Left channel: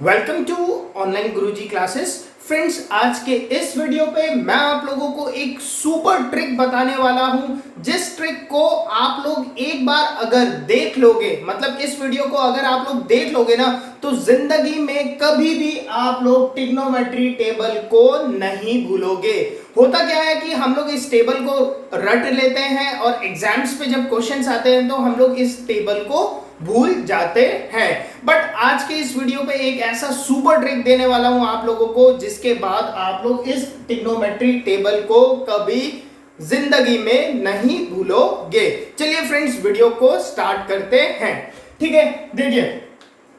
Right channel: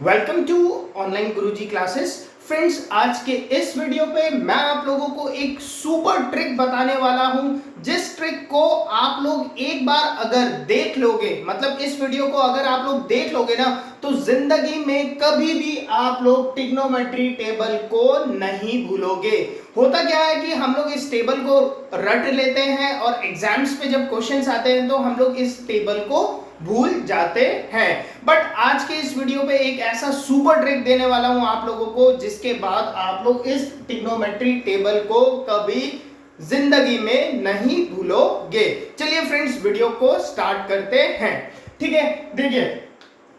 Welcome to online Guruji classes. Friends, आज के इस वीडियो पे मैं आप लोगों को एक सुपर ट्रिक बताने वाला हूं, जिस ट्रिक को आप लोग एक बार अगर देख लोगे, मतलब इस वीडियो को अगर आप लोग देख लोगे ना, तो जिंदगी में कभी भी आप लोग ट्रिग्नोमेट्री टेबल को नहीं भूलोगे। होता क्या है कि हम लोग इस टेबल को रट लेते हैं और एग्जाम्स पे जब क्वेश्चंस आते हैं तो हम लोग इस टेबल को भूल जाते हैं। बट आज के इस वीडियो पे एक ऐसा सुपर ट्रिक देने वाला हूं आप लोगों को, जिसके बाद आप लोग इस ट्रिग्नोमेट्री टेबल को कभी जिंदगी में नहीं भूलोगे। चलिए फ्रेंड्स, वीडियो को स्टार्ट करते हैं। ठीक है, देखिए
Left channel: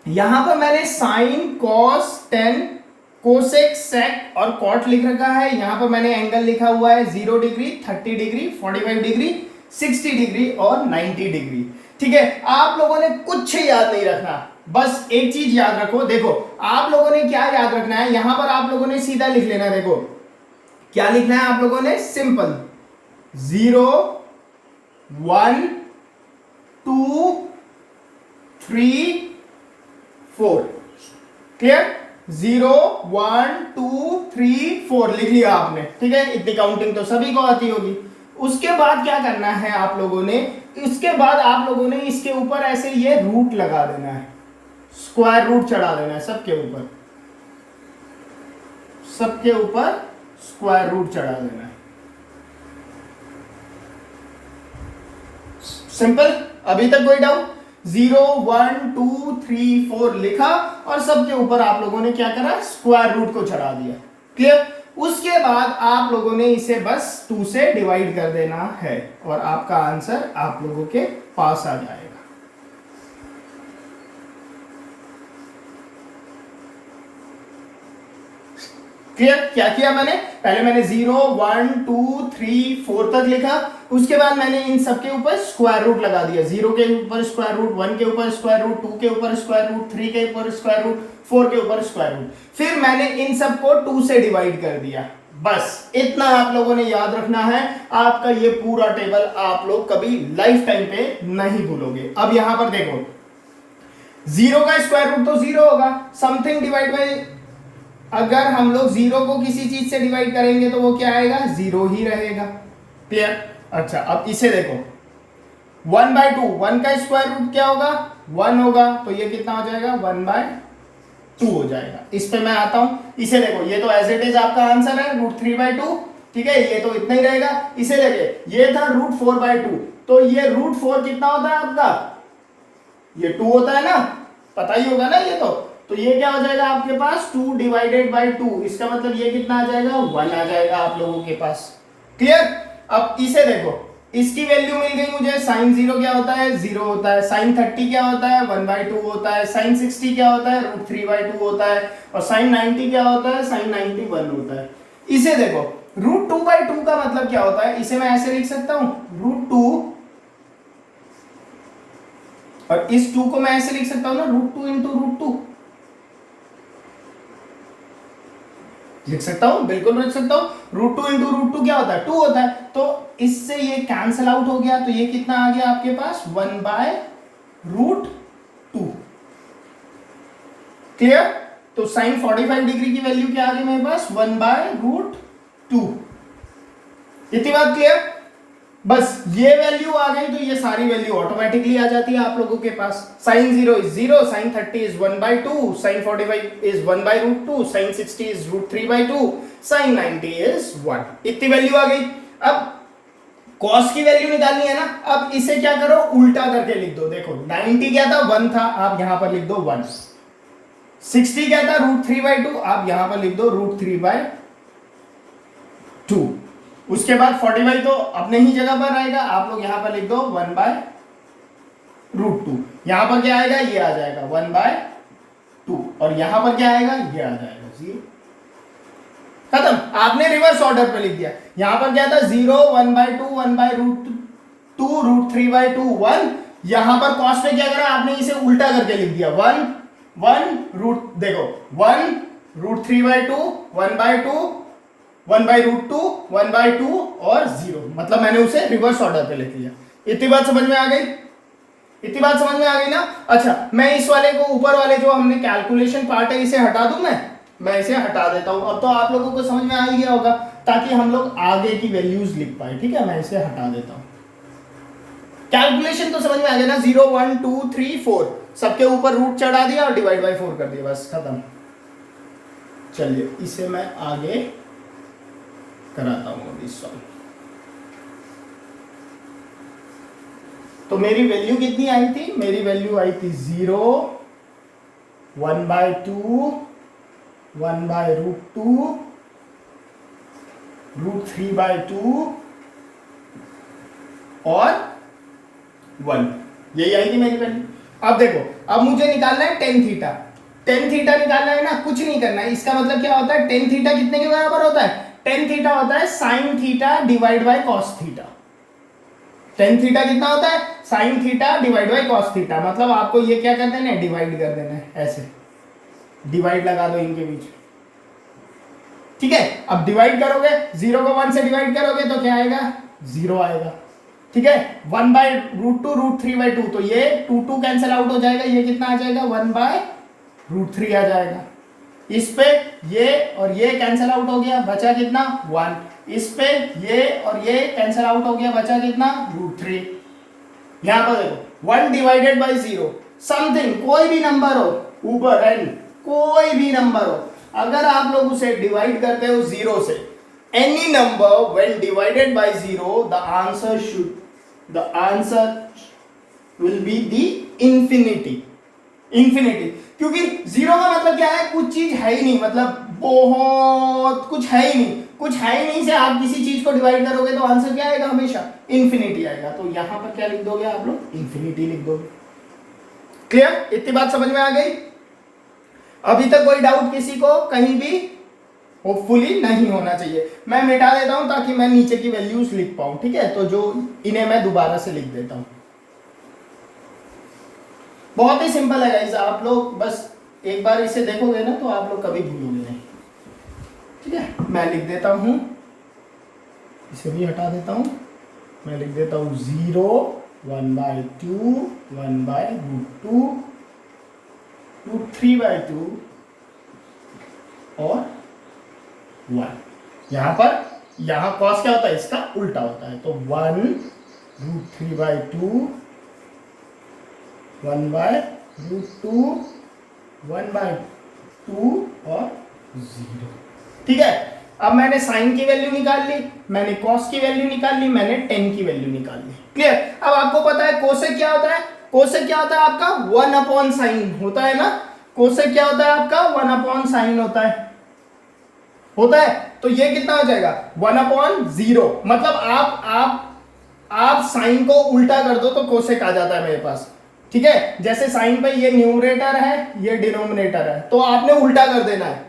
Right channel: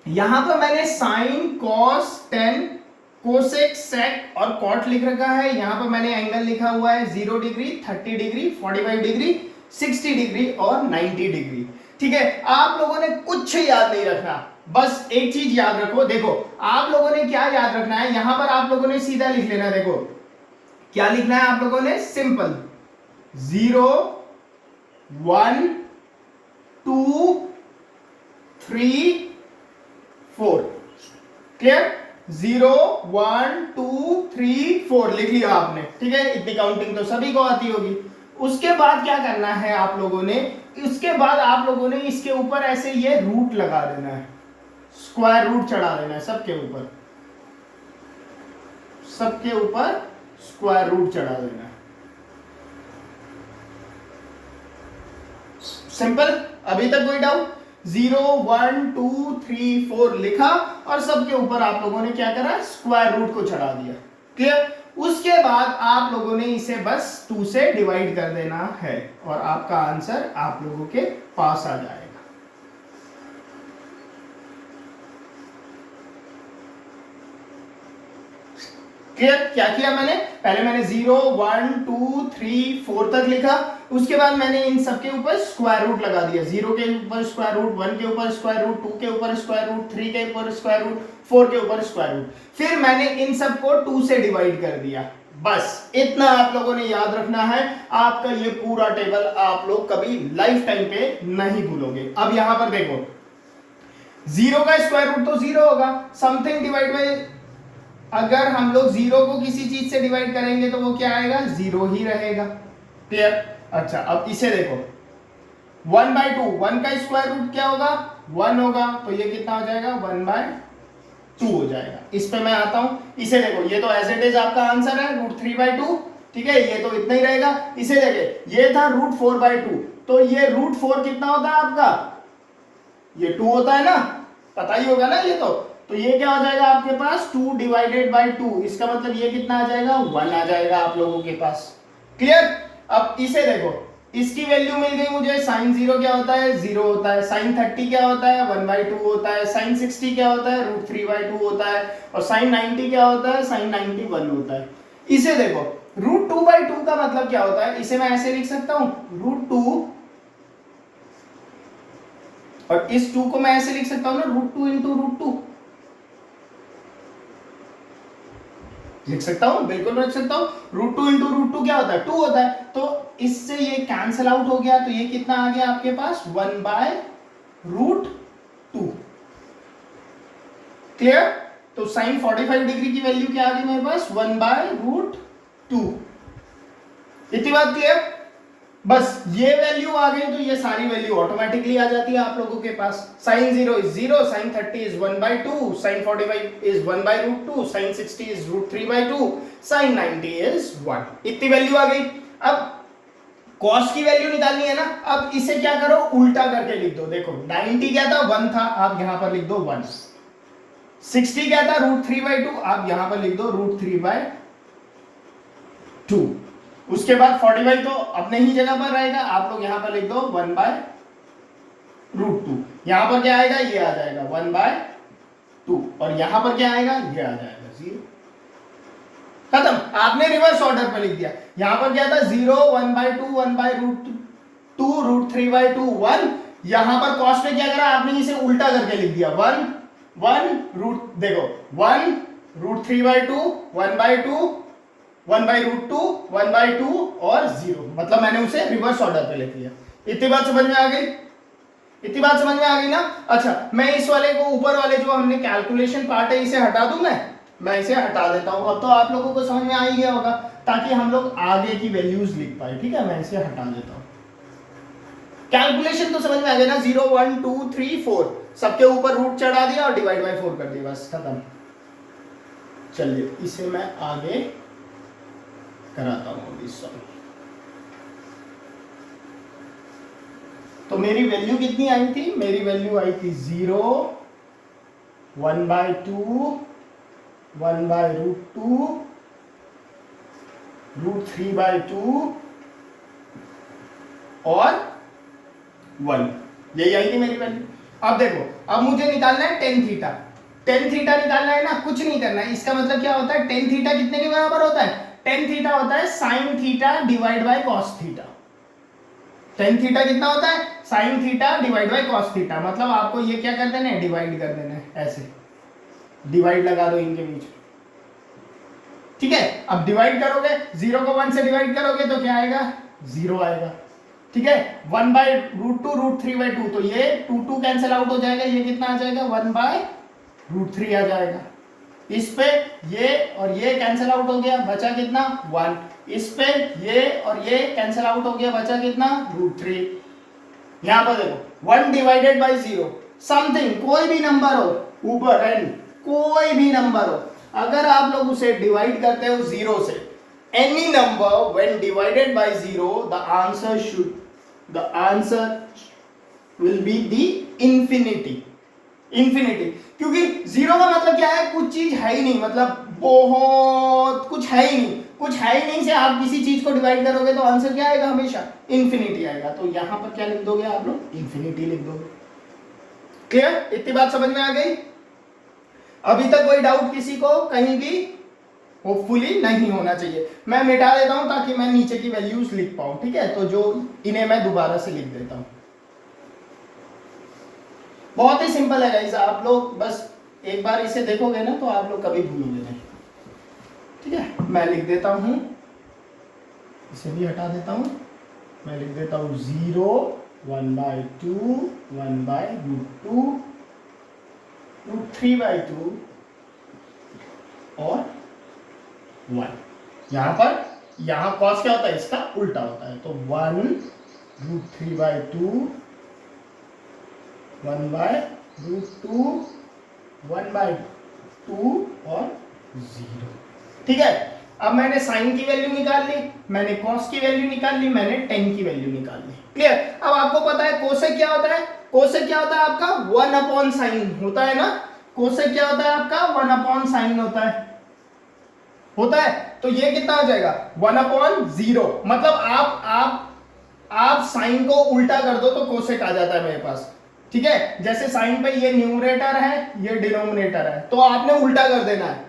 यहां पर मैंने साइन, कॉस, टेन, कोसेक, सेक और कॉट लिख रखा है। यहां पर मैंने एंगल लिखा हुआ है 0 डिग्री, 30 डिग्री, 45 डिग्री, 60 डिग्री और 90 डिग्री। ठीक है, आप लोगों ने कुछ याद नहीं रखना, बस एक चीज याद रखो। देखो आप लोगों ने क्या याद रखना है, यहां पर आप लोगों ने सीधा लिख लेना। देखो क्या लिखना है आप लोगों ने, सिंपल 0 1 2 3 4। क्लियर? 0 1 2 3 4 लिख लिया आपने। ठीक है, इतनी काउंटिंग तो सभी को आती होगी। उसके बाद क्या करना है आप लोगों ने, इसके बाद आप लोगों ने इसके ऊपर ऐसे ये रूट लगा देना है, स्क्वायर रूट चढ़ा देना है सबके ऊपर, सबके ऊपर स्क्वायर रूट चढ़ा देना है। सिंपल। अभी तक कोई डाउट? 0 1 2 3 4 लिखा और सबके ऊपर आप लोगों ने क्या करा, स्क्वायर रूट को चढ़ा दिया। क्लियर? उसके बाद आप लोगों ने इसे बस 2 से डिवाइड कर देना है और आपका आंसर आप लोगों के पास आ जाएगा। क्लियर? क्या किया मैंने, पहले मैंने 0 1 2 3 4 तक लिखा, उसके बाद मैंने इन सब के ऊपर स्क्वायर रूट लगा दिया। 0 के ऊपर स्क्वायर रूट, 1 के ऊपर स्क्वायर रूट, 2 के ऊपर स्क्वायर रूट, 3 के ऊपर स्क्वायर रूट, 4 के ऊपर स्क्वायर रूट। फिर मैंने इन सब को 2 से डिवाइड कर दिया। बस इतना आप लोगों ने याद रखना है। आपका ये पूरा टेबल आप लोग कभी लाइफ टाइम पे नहीं भूलोगे। अब यहां पर देखो, 0 का स्क्वायर रूट तो 0 होगा, समथिंग डिवाइड बाय, अगर हम लोग 0 को किसी चीज से डिवाइड करेंगे तो वो क्या आएगा, 0 ही रहेगा। क्लियर? अच्छा, अब इसे देखो, 1 बाय 2, 1 का स्क्वायर रूट क्या होगा, 1 होगा, तो ये कितना हो जाएगा, 1 बाय 2 हो जाएगा। इस पे मैं आता हूं, इसे देखो, ये तो एज इट इज आपका आंसर है, √3/2। ठीक है, ये तो इतना ही रहेगा। इसे देखे, ये था √4/2, तो ये √4 कितना होता है आपका, ये 2 होता है ना, पता ही होगा ना ये तो ये क्या हो जाएगा आपके पास, 2 डिवाइडेड बाई 2। इसका मतलब ये कितना आ जाएगा, 1 आ जाएगा आप लोगों के पास। क्लियर? अब इसे देखो, इसकी वैल्यू मिल गई मुझे। साइन 0 क्या होता है, 0 होता है। साइन 30 क्या होता है, 1/2 होता है। साइन 60 क्या होता है, √3/2 होता है। और साइन 90 क्या होता है, साइन 90 1 होता है। इसे देखो, √2/2 का मतलब क्या होता है, इसे मैं ऐसे लिख सकता हूं, √2, और इस 2 को मैं ऐसे लिख सकता हूं ना, √2 इंटू √2 लिख सकता हूं, बिल्कुल लिख सकता हूं। √2 इंटू √2 क्या होता है, 2 होता है। तो इससे ये कैंसिल आउट हो गया, तो ये कितना आ गया आपके पास, 1/√2। क्लियर? तो साइन 45 डिग्री की वैल्यू क्या आ गई मेरे पास, 1/√2। इतनी बात क्लियर? बस ये वैल्यू आ गई तो ये सारी वैल्यू ऑटोमेटिकली आ जाती है आप लोगों के पास। Sine 0 is 0, sine 30 is 1/2, sine 45 is 1/√2, sine 60 is √3/2, sine 90 is 1। इतनी वैल्यू आ गई। अब कॉस की वैल्यू निकालनी है ना, अब इसे क्या करो, उल्टा करके लिख दो। देखो 90 क्या था, 1 था, आप यहां पर लिख दो 1। 60 क्या था, √3/2, आप यहां पर लिख दो √3/2। उसके बाद 45 तो अपने ही जगह पर रहेगा, आप लोग यहां पर लिख दो 1/√2। यहां पर क्या आएगा, ये आ जाएगा 1/2, और यहां पर क्या आएगा, ये आ जाएगा 0। खत्म, आपने रिवर्स ऑर्डर पे लिख दिया। यहां पर क्या था, 0 1/2 1/√2 √3/2 1। यहां पर कॉस में क्या करा आपने, इसे उल्टा करके लिख दिया, 1 1 रूट, देखो 1 √3/2 1/2 1/√2 1/2 और 0, मतलब मैंने उसे रिवर्स ऑर्डर पे लिख दिया। इतनी बात समझ में आ गई? इतनी बात समझ में आ गई ना। अच्छा, मैं इस वाले को, ऊपर वाले जो हमने कैलकुलेशन पार्ट है, इसे हटा दूं मैं इसे हटा देता हूं। अब तो आप लोगों को समझ में आ ही गया होगा, ताकि हम लोग आगे की वैल्यूज लिख पाए। ठीक है, मैं इसे हटा देता हूं। कैलकुलेशन तो समझ में आ गया ना, 0 1 2 3 4 सबके ऊपर रूट चढ़ा दिया और डिवाइड बाय 4 कर दिया, बस खत्म। चलिए इसे मैं आगे कराता हूं अभी सॉल्व। तो मेरी वैल्यू कितनी आई थी? मेरी वैल्यू आई थी 0, 1/2, 1/√2, √3/2 और 1। यही आई थी मेरी वैल्यू। अब देखो, अब मुझे निकालना है टेन थीटा। टेन थीटा निकालना है ना, कुछ नहीं करना है। इसका मतलब क्या होता है? टेन थीटा कितने के बराबर होता है? टेन थीटा होता है sine theta divide by cos theta. Tan theta कितना होता है? Sine theta divide by cos theta. मतलब आपको ये क्या कर देना है? डिवाइड कर देना है, ऐसे डिवाइड लगा दो इनके बीच। ठीक है, अब डिवाइड करोगे, 0 को 1 से डिवाइड करोगे तो क्या आएगा? 0 आएगा। ठीक है, 1/√2 √3/2, तो ये 2 कैंसिल आउट हो जाएगा, ये कितना आ जाएगा? 1/√3 आ जाएगा। इस पे ये और ये कैंसिल आउट हो गया, बचा कितना? 1। इस पे ये और ये कैंसिल आउट हो गया, बचा कितना? √3। यहां पर देखो 1 डिवाइडेड बाई 0 समथिंग, कोई भी नंबर हो ऊपर एंड, कोई भी नंबर हो, अगर आप लोग उसे डिवाइड करते हो 0 से, any number when divided by 0 the answer will be the infinity. Infinity, क्योंकि 0 का मतलब क्या है? कुछ चीज है ही नहीं, मतलब बहुत कुछ है ही नहीं। कुछ है ही नहीं से आप किसी चीज को डिवाइड करोगे तो आंसर क्या आएगा? हमेशा इंफिनिटी आएगा। तो यहां पर क्या लिख दोगे आप लोग? इंफिनिटी लिख दोगे। क्लियर? इतनी बात समझ में आ गई? अभी तक कोई डाउट किसी को कहीं भी? होपफुली नहीं होना चाहिए। मैं मिटा देता हूं ताकि मैं नीचे की वैल्यूज लिख पाऊं। ठीक है, तो जो इन्हें मैं दोबारा से लिख देता हूं। बहुत ही सिंपल है गाइस, आप लोग बस एक बार इसे देखोगे ना तो आप लोग कभी भूलोगे नहीं। ठीक है, मैं लिख देता हूं, इसे भी हटा देता हूं। मैं लिख देता हूं 0, 1/2, 1/√2, √3/2 और 1। यहां कॉस क्या होता है? इसका उल्टा होता है। तो 1 √3/2, 1/√2, 1/2 और 0। ठीक है, अब मैंने साइन की वैल्यू निकाल ली, मैंने कॉस की वैल्यू निकाल ली, मैंने टेन की वैल्यू निकाल ली। क्लियर? अब आपको पता है कोसेक क्या होता है? कोसेक क्या होता है आपका? 1/sin होता है ना। कोसेक क्या होता है आपका? 1/sin होता है। तो ये कितना हो जाएगा? 1/0। मतलब आप साइन को उल्टा कर दो तो कोसेक आ जाता है मेरे पास। ठीक है, जैसे साइन पे ये न्यूमरेटर है, ये डिनोमिनेटर है, तो आपने उल्टा कर देना है।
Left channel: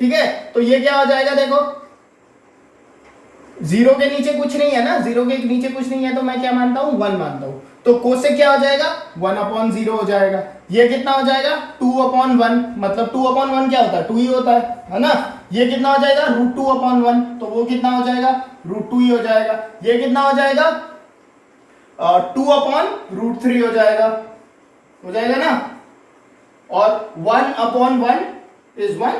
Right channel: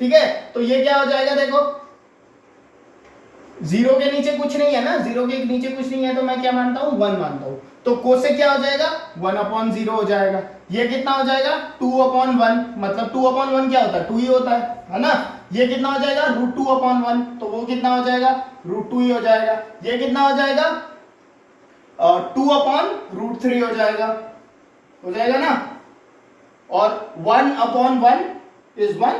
ठीक है, तो ये क्या हो जाएगा? देखो 0 के नीचे कुछ नहीं है ना, 0 के नीचे कुछ नहीं है, तो मैं क्या मानता हूं? 1 मानता हूं। तो कोसेक क्या हो जाएगा? 1/0 हो जाएगा। ये कितना हो जाएगा? 2/1। मतलब 2/1 क्या होता है? 2 ही होता है ना। ये कितना हो जाएगा? √2/1, तो वो कितना हो जाएगा? √2 ही हो जाएगा। ये कितना हो जाएगा? 2/√3 हो जाएगा ना। और 1/1 इज 1,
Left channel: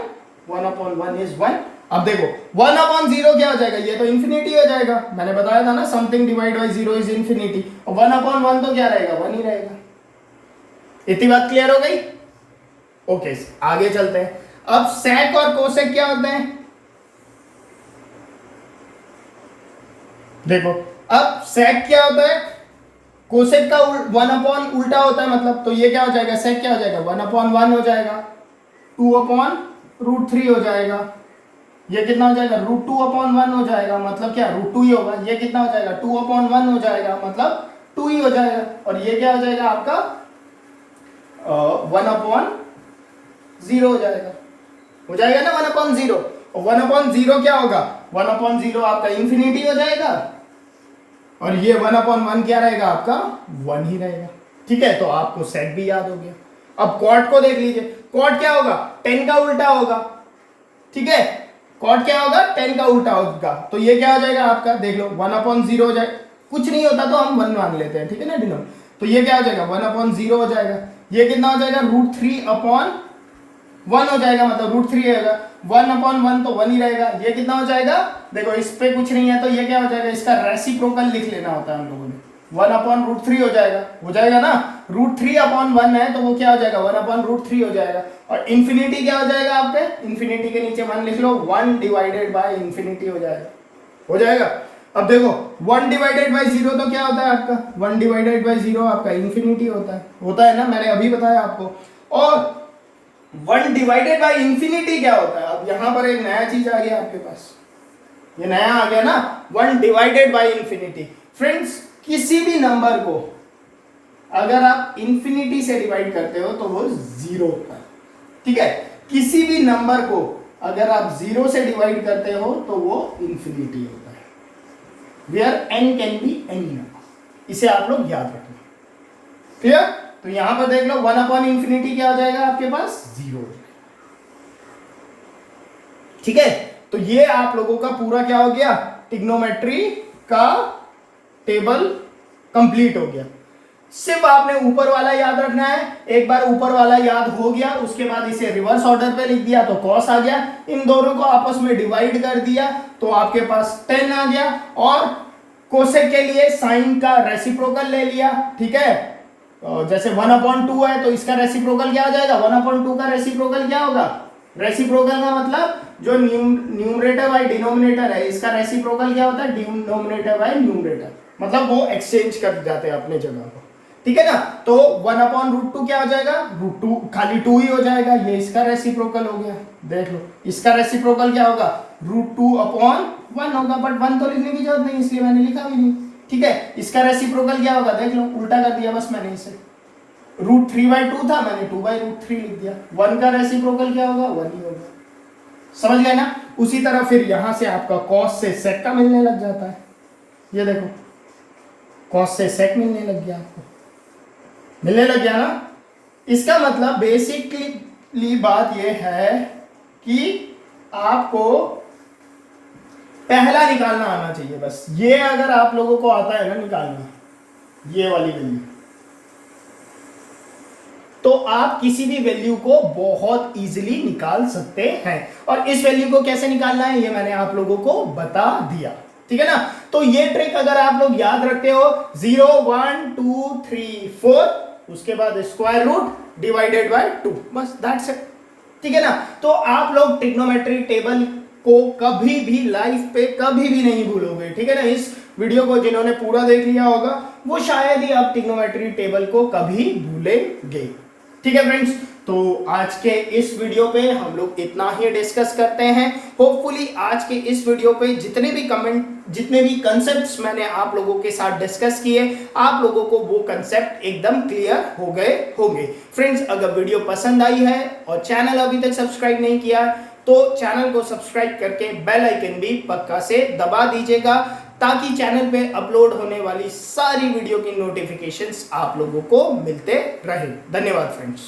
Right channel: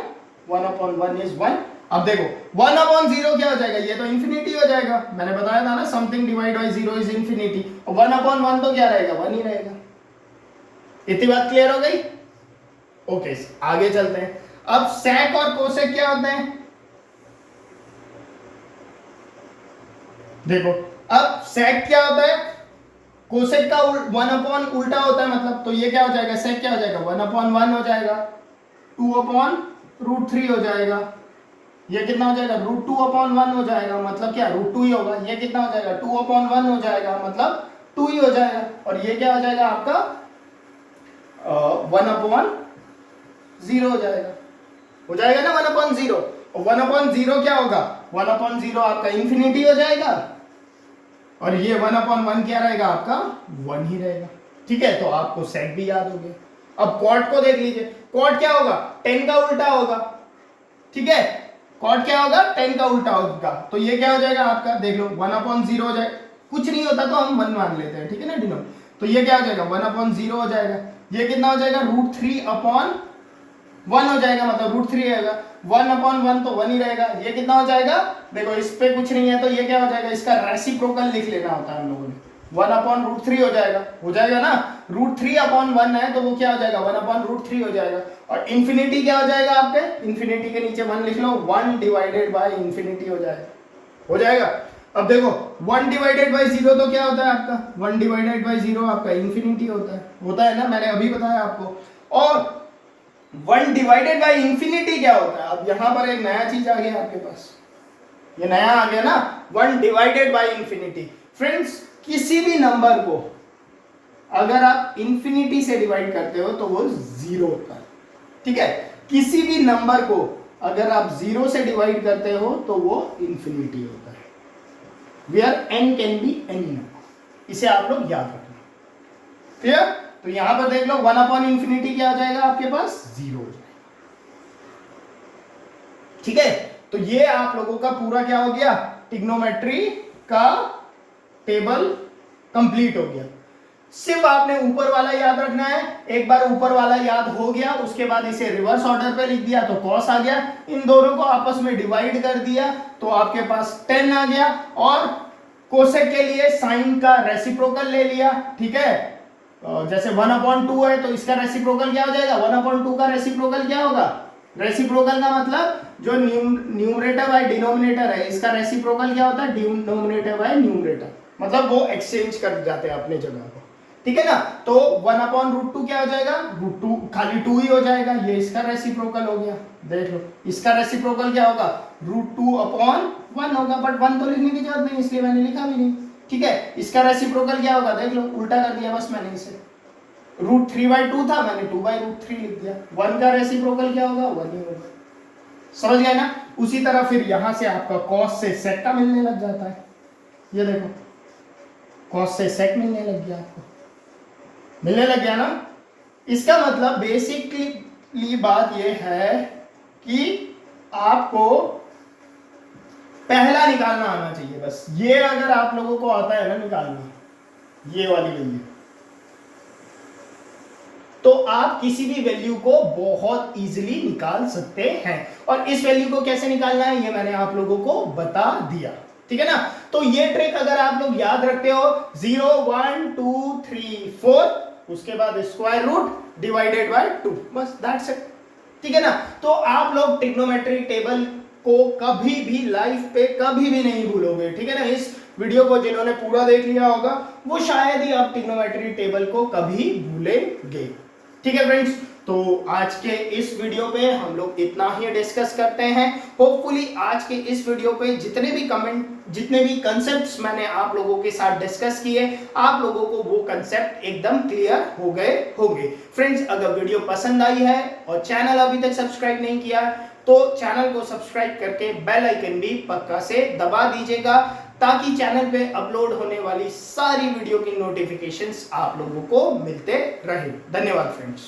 1/1 इज 1। अब देखो 1/0 क्या हो जाएगा? ये तो इंफिनिटी हो जाएगा। मैंने बताया था ना, something divide by 0 is infinity. और 1/1 तो क्या रहेगा? 1 ही रहेगा। इतनी बात क्लियर हो गई? ओके, आगे चलते हैं। अब सेक और कोसेक क्या होते हैं? देखो, अब सेक क्या होता है? कोसेक का 1/, उल्टा होता है मतलब। तो ये क्या हो जाएगा? सेक क्या हो जाएगा? 1/1 हो जाएगा, 2/√3 हो जाएगा। ये कितना हो जाएगा? √2/1 हो जाएगा, मतलब क्या? √2 ही होगा। ये कितना हो जाएगा? 2/1 हो जाएगा, मतलब 2 ही हो जाएगा। और ये क्या हो जाएगा आपका? 1/0 हो जाएगा ना, 1/0। और 1/0 क्या होगा? 1/0 आपका इंफिनिटी हो जाएगा। और ये 1/1 क्या रहेगा आपका? 1 ही रहेगा। ठीक है, तो आपको सेक भी याद हो गया। अब कॉट को देख लीजिए। कॉट क्या होगा? 10 का उल्टा होगा। ठीक है, कॉट क्या होगा? 10 का उल्टा होगा। तो ये क्या हो जाएगा आपका? देख लो 1/0 हो जाए। कुछ नहीं होता तो हम 1 मान लेते हैं। ठीक है ना, डिनो तो ये क्या हो जाएगा 1/0 हो जाएगा। ये कितना हो जाएगा √3/1 हो जाएगा, मतलब √3 रहेगा। 1/1 तो 1 ही रहेगा। ये कितना हो जाएगा, देखो इस पे कुछ नहीं है तो ये क्या हो जाएगा, इसका रेसिप्रोकल लिख लेना होता है हम लोगों ने। 1/√3 हो जाएगा ना। √3/1 है तो वो क्या हो जाएगा 1/√3 हो जाएगा। और इन्फिनिटी क्या हो जाएगा आपके, इन्फिनिटी के नीचे 1 लिख लो, 1/∞ हो जाएगा। अब देखो 1/0 तो क्या होता है आपका, 1/0 आपका इन्फिनिटी होता है ना, मैंने अभी बताया आपको। और 1/∞ क्या होता है, अब यहां पर एक नया चीज आ गया आपके पास, ये नया आ गया ना 1/∞। फ्रेंड्स किसी भी नंबर को अगर आप इन्फिनिटी से डिवाइड करते हो तो वो 0 होता है, ठीक है। किसी भी नंबर को अगर आप 0 से डिवाइड करते हो तो वो इन्फिनिटी होता है, where n can be any number. इसे आप लोग याद रखना, क्लियर। तो यहां पर देख लो 1/∞ क्या हो जाएगा आपके पास 0 हो जाएगा, ठीक है। तो ये आप लोगों का पूरा क्या हो गया, ट्रिग्नोमेट्री का टेबल कंप्लीट हो गया। सिर्फ आपने ऊपर वाला याद रखना है। एक बार ऊपर वाला याद हो गया उसके बाद इसे रिवर्स ऑर्डर पे लिख दिया तो cos आ गया, इन दोनों को आपस में डिवाइड कर दिया तो आपके पास tan आ गया, और कोसेक के लिए साइन का रेसिप्रोकल ले लिया, ठीक है। जैसे 1/2 है तो इसका रेसिप्रोकल क्या हो जाएगा, 1/2 का रेसिप्रोकल क्या होगा, रेसिप्रोकल का मतलब जो न्यूमरेटर बाय डिनोमिनेटर है इसका रेसिप्रोकल क्या होता है, डिनोमिनेटर बाय न्यूमरेटर, मतलब वो एक्सचेंज कर जाते हैं अपने जगह को, ठीक है ना। तो 1/√2 क्या हो जाएगा, √2 खाली 2 ही हो जाएगा, ये इसका रेसिप्रोकल हो गया। देख लो इसका रेसिप्रोकल क्या होगा, √2/1 होगा, बट 1 तो लिखने की जरूरत नहीं इसलिए मैंने लिखा भी नहीं, ठीक है। इसका रेसिप्रोकल क्या होगा, देख लो उल्टा कर दिया बस मैंने इसे, √3/2 था मैंने 2/√3 लिख दिया। 1 का रेसिप्रोकल क्या होगा 1 ही होगा, समझ गए ना। उसी तरह फिर यहां से आपका cos से sec का मिलने लग जाता है, ये देखो cos से sec मिलने लग गया, आपको मिलने लग गया ना। इसका मतलब बेसिकली बात यह है कि आपको पहला निकालना आना चाहिए बस। ये अगर आप लोगों को आता है ना निकालना, ये वाली वैल्यू, तो आप किसी भी वैल्यू को बहुत इजीली निकाल सकते हैं। और इस वैल्यू को कैसे निकालना है ये मैंने आप लोगों को बता दिया, ठीक है ना। तो ये ट्रिक अगर आप लोग याद रखते हो 0 1 2 3 4 उसके बाद स्क्वायर रूट डिवाइडेड बाय 2, बस दैट्स इट, ठीक है ना। तो आप लोग ट्रिग्नोमेट्री टेबल को कभी भी लाइफ पे कभी भी नहीं भूलोगे, ठीक है ना। इस वीडियो को जिन्होंने पूरा देख लिया होगा वो शायद ही आप ट्रिग्नोमेट्री टेबल को कभी भूलेंगे, ठीक है फ्रेंड्स। तो आज के इस वीडियो पे हम लोग इतना ही डिस्कस करते हैं। होपफुली आज के इस वीडियो पे जितने भी कंसेप्ट्स मैंने आप लोगों के साथ डिस्कस किए, आप लोगों को वो कंसेप्ट एकदम क्लियर हो गए होंगे। फ्रेंड्स अगर वीडियो पसंद आई है और चैनल अभी तक सब्सक्राइब नहीं किया तो चैनल को सब्सक्राइब करके बेल आइकन भी पक्का से दबा दीजिएगा, ताकि चैनल पे अपलोड होने वाली सारी वीडियो की नोटिफिकेशंस आप लोगों को मिलते रहे। धन्यवाद फ्रेंड्स।